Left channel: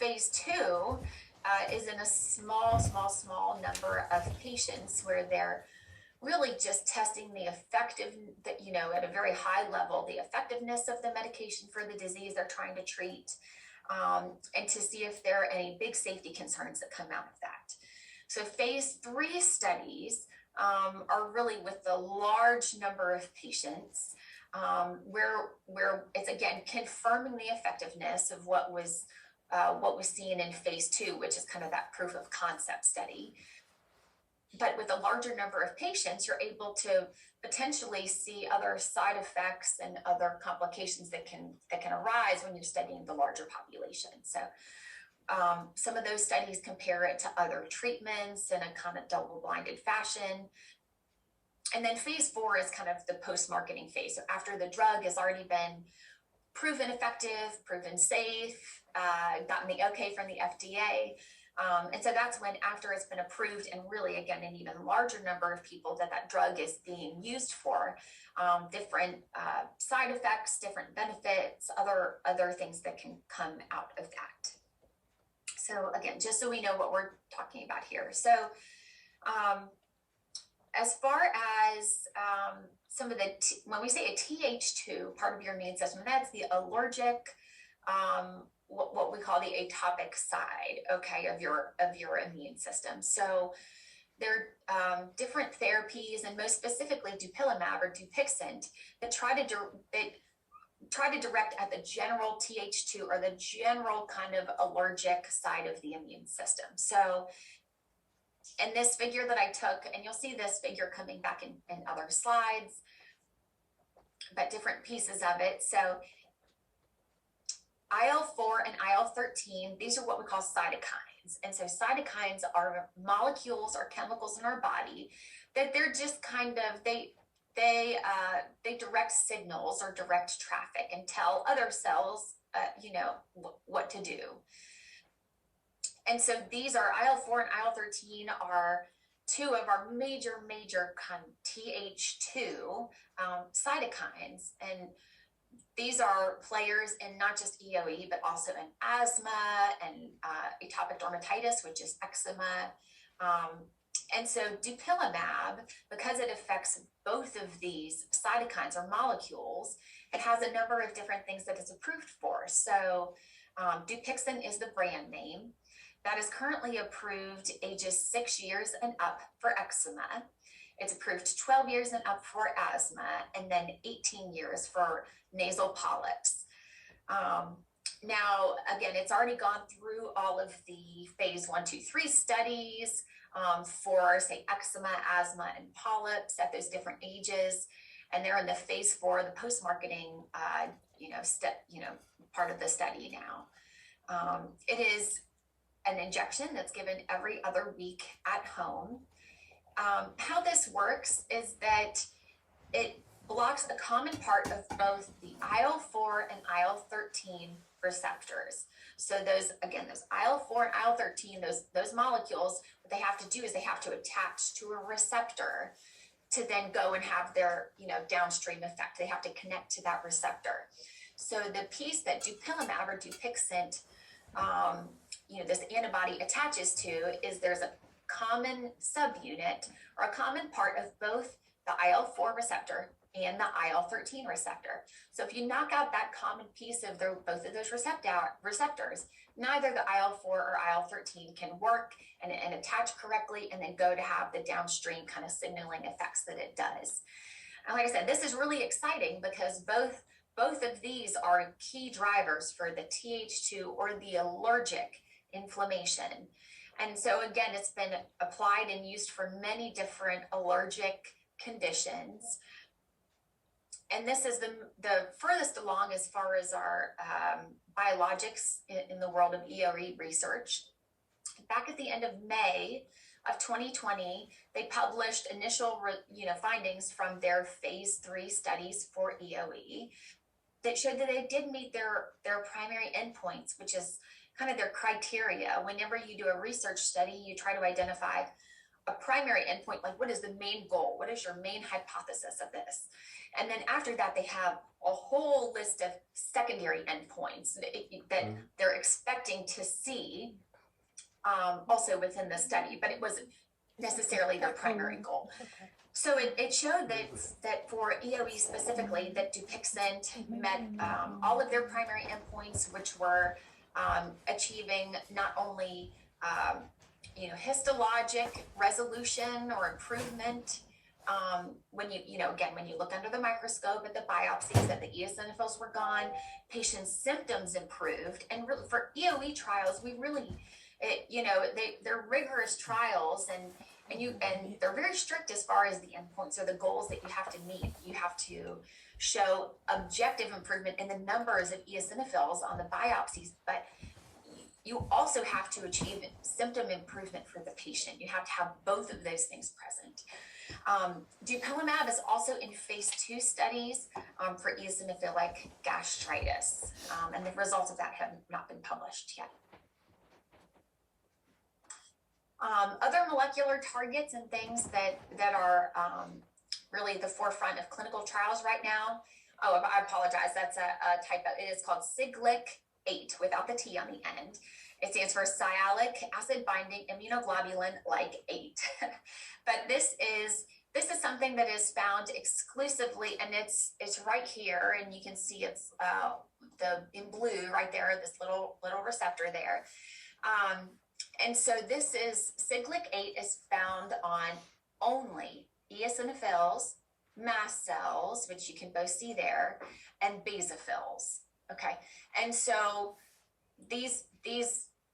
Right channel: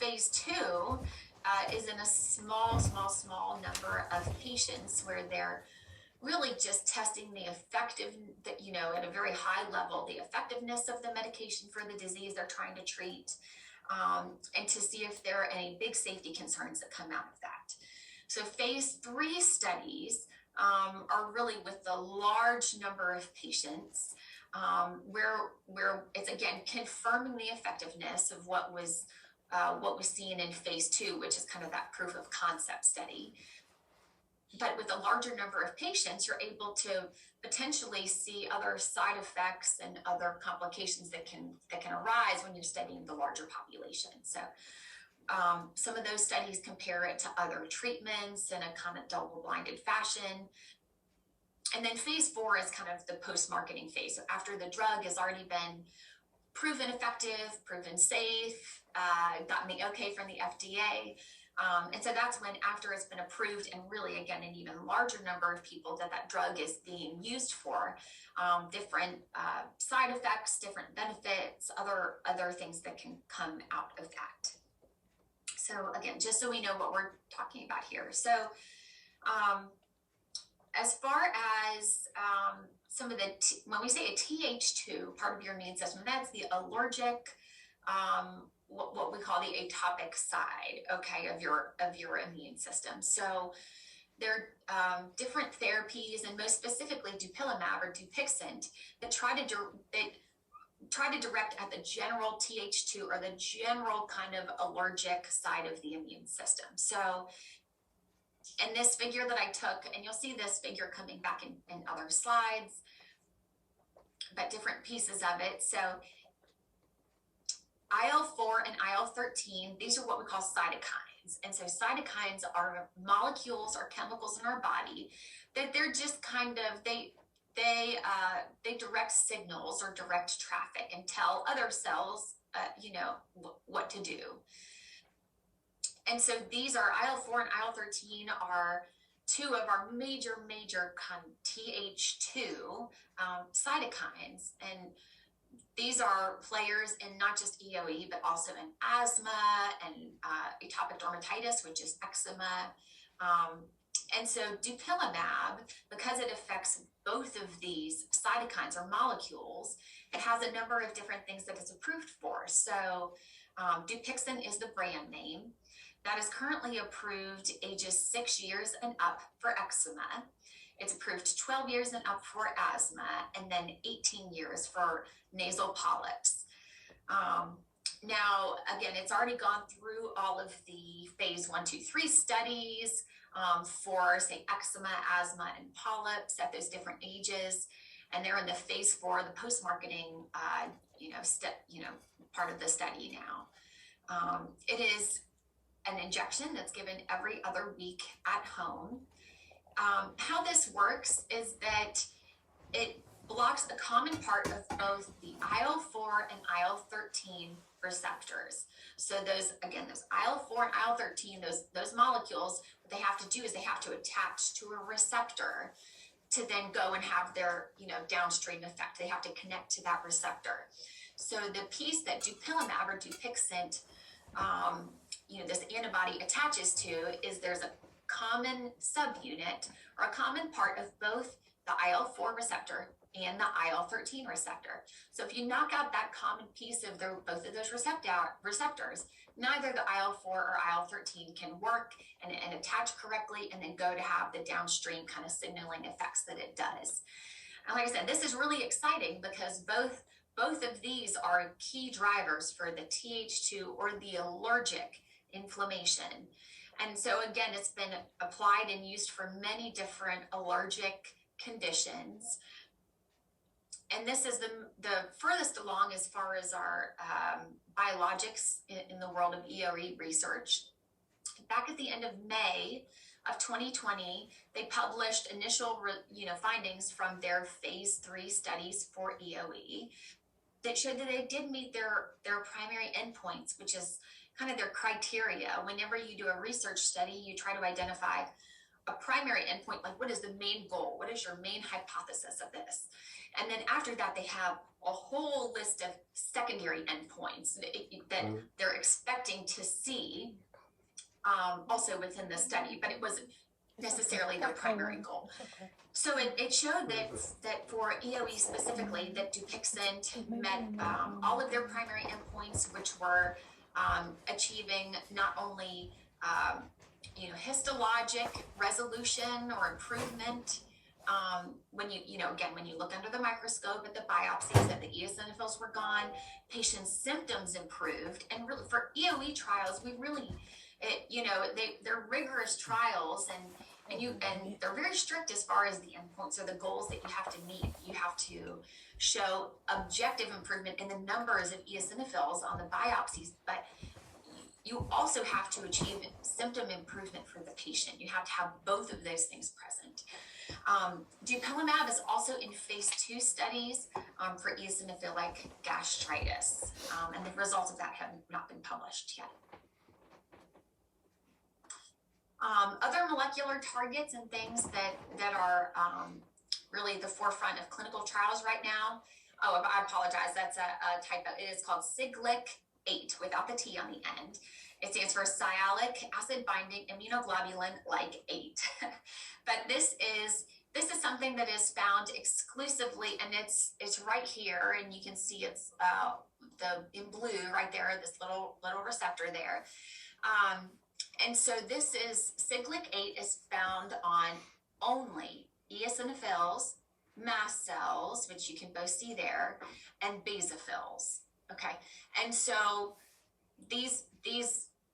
phase 2 is in a small number of patients where they're really just testing the at a very high level, the effectiveness of the medication for the disease they're trying to treat, and to see if there are any big safety concerns that come out of that. So phase 3 studies are really with the large number of patients, where it's again confirming the effectiveness of what was seen in phase 2, which is kind of that proof of concept study. But with a larger number of patients, you're able to potentially see other side effects and other complications that can arise when you're studying the larger population. So some of those studies compare it to other treatments in a kind of double-blinded fashion. And then phase 4 is kind of the post-marketing phase. So after the drug has already been proven effective, proven safe, gotten the okay from the FDA. And so that's when, after it's been approved, and really, again, an even larger number of people that drug is being used for, different side effects, different benefits, other things that can come out of that. So again, just so we know what we're talking about here. So as far as some of the, when we say a Th2, part of your immune system, that's the allergic, what we call the atopic side, okay, of your immune system. So there are different therapies, and most specifically dupilumab or Dupixent, that try to direct at the general Th2, or the general kind of allergic side of the immune system. So in this figure that I took, and you'll see this figure coming back in other slides, but different pieces of it. So IL-4 and IL-13, these are what we call cytokines. And so cytokines are molecules or chemicals in our body that they're just kind of, they direct signals or direct traffic and tell other cells, what to do. And so these are IL-4 and IL-13 are two of our major kind of Th2 cytokines. And these are players in not just EOE, but also in asthma and atopic dermatitis, which is eczema. And so dupilumab, because it affects both of these cytokines or molecules, it has a number of different things that it's approved for. So Dupixent is the brand name. That is currently approved ages 6 years and up for eczema. It's approved 12 years and up for asthma, and then 18 years for nasal polyps. Now, again, it's already gone through all of the phase 1, 2, 3 studies for, say, eczema, asthma, and polyps at those different ages. And they're in the phase 4, the post-marketing, part of the study now. It is an injection that's given every other week at home. How this works is that it blocks a common part of both the IL-4 and IL-13 receptors. So those IL-4 and IL-13, those molecules, what they have to do is they have to attach to a receptor to then go and have their, downstream effect. They have to connect to that receptor. So the piece that dupilumab or Dupixent, this antibody attaches to is there's a common subunit or a common part of both the IL-4 receptor and the IL-13 receptor. So if you knock out that common piece of both of those receptors, neither the IL-4 or IL-13 can work and attach correctly and then go to have the downstream kind of signaling effects that it does. And like I said, this is really exciting because both of these are key drivers for the Th2 or the allergic inflammation. And so again, it's been applied and used for many different allergic conditions. And this is the furthest along as far as our biologics in the world of EOE research. Back at the end of May of 2020, they published initial findings from their phase 3 studies for EOE that showed that they did meet their primary endpoints, which is kind of their criteria. Whenever you do a research study, you try to identify, a primary endpoint, like what is the main goal? What is your main hypothesis of this? And then after that, they have a whole list of secondary endpoints that they're expecting to see also within the study, but it wasn't necessarily their primary goal. So it showed that for EOE specifically, that Dupixent met all of their primary endpoints, which were achieving not only histologic resolution or improvement. When when you look under the microscope at the biopsies, that the eosinophils were gone, patients' symptoms improved, and really for EOE trials, they're rigorous trials, and they're very strict as far as the endpoints or the goals that you have to meet. You have to show objective improvement in the numbers of eosinophils on the biopsies, but you also have to achieve symptom improvement for the patient. You have to have both of those things present. Dupilumab is also in phase 2 studies for eosinophilic gastritis, and the results of that have not been published yet. Other molecular targets and things that are really the forefront of clinical trials right now. Oh, I apologize. That's a typo. It is called Siglec-8 without the T on the end. It stands for sialic acid binding immunoglobulin like 8. But this is something that is found exclusively, and it's right here, and you can see it's in blue right there, this little receptor there. And so this is Siglec-8 is found on only eosinophils, mast cells, which you can both see there, and basophils. Okay, and so these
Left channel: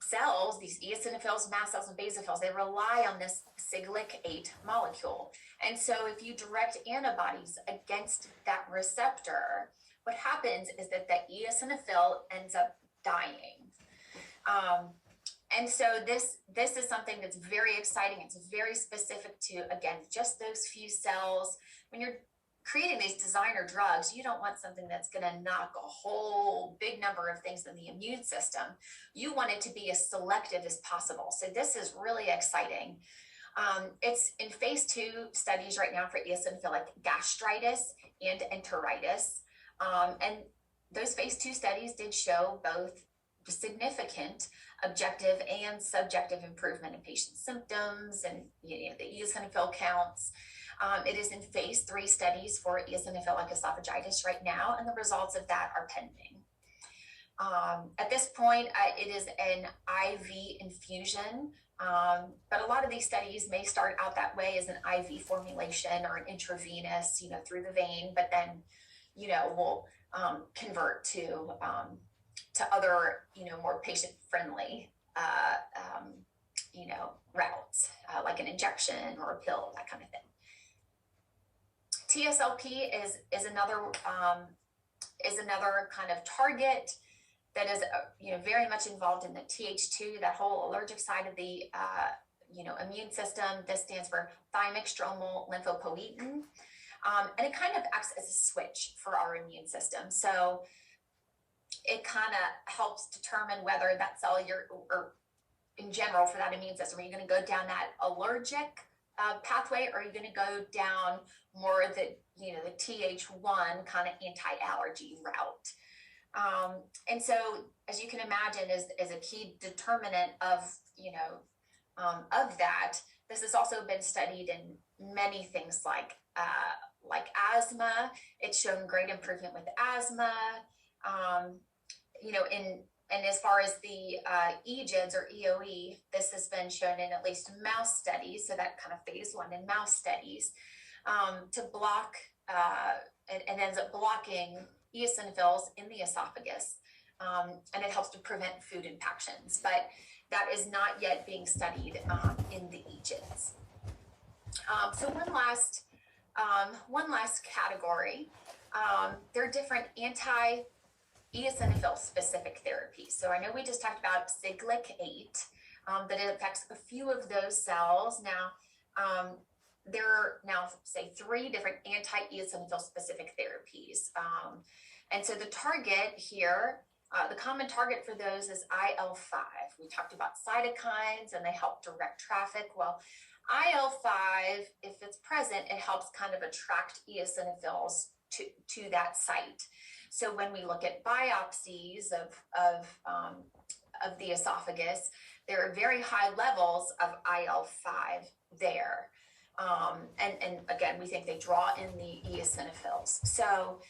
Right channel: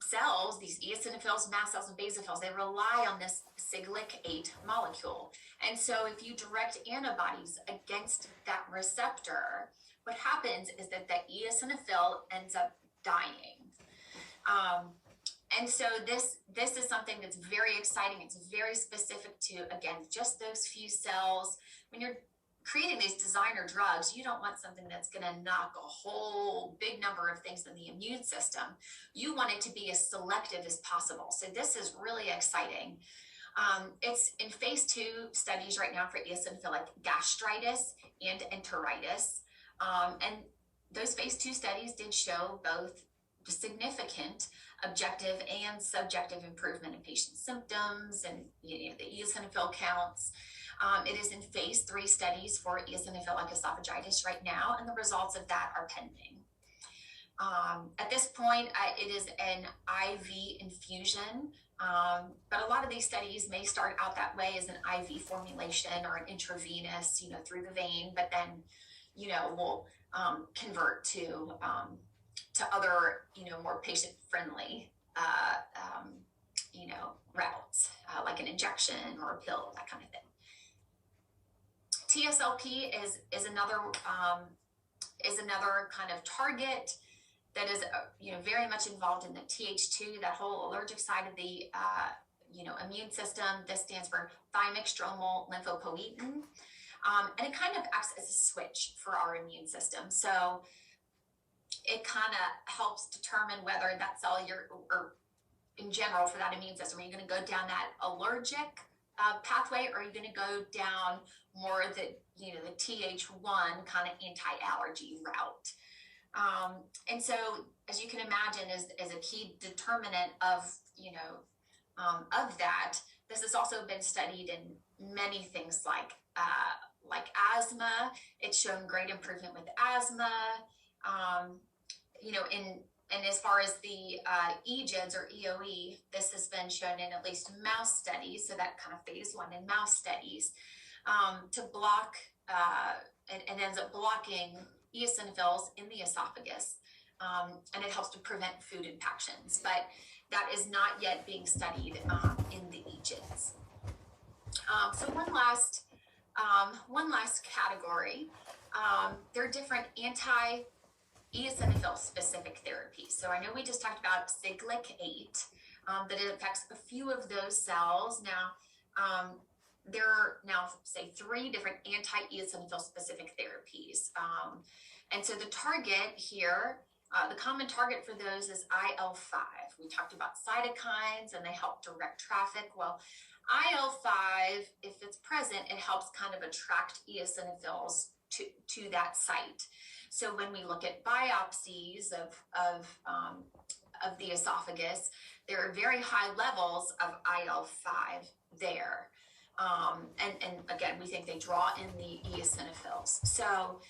cells, these eosinophils, mast cells, and basophils, they rely on this Siglec-8 molecule. And so if you direct antibodies against that receptor, what happens is that the eosinophil ends up dying. And so this is something that's very exciting. It's very specific to, again, just those few cells. When you're creating these designer drugs, you don't want something that's going to knock a whole big number of things in the immune system. You want it to be as selective as possible. So this is really exciting. It's in phase 2 studies right now for eosinophilic gastritis and enteritis. And those phase 2 studies did show both significant objective and subjective improvement in patient symptoms and the eosinophil counts. It is in phase 3 studies for eosinophilic esophagitis right now, and the results of that are pending. At this point, it is an IV infusion, but a lot of these studies may start out that way as an IV formulation or an intravenous, through the vein, but then, will convert to other, more patient-friendly, routes, like an injection or a pill, that kind of thing. TSLP is another kind of target that is very much involved in the Th2, that whole allergic side of the immune system. This stands for thymic stromal lymphopoietin, and it kind of acts as a switch for our immune system. So it kind of helps determine whether that cell or in general for that immune system, are you going to go down that allergic pathway, or are you going to go down more the Th1 kind of anti-allergy route? And so, as you can imagine, is a key determinant of that. This has also been studied in many things like asthma. It's shown great improvement with asthma. And as far as the EGIDs or EOE, this has been shown in at least mouse studies, so that kind of phase 1 in mouse studies, to block, it ends up blocking eosinophils in the esophagus, and it helps to prevent food impactions, but that is not yet being studied in the EGIDs. So one last category, there are different anti-eosinophil specific therapies. So I know we just talked about Siglec-8, that it affects a few of those cells. Now, there are now, say, 3 different anti-eosinophil specific therapies. And so the target here, the common target for those is IL-5. We talked about cytokines and they help direct traffic. Well, IL-5, if it's present, it helps kind of attract eosinophils to that site. So when we look at biopsies of the esophagus, there are very high levels of IL-5 there. And again, we think they draw in the eosinophils. So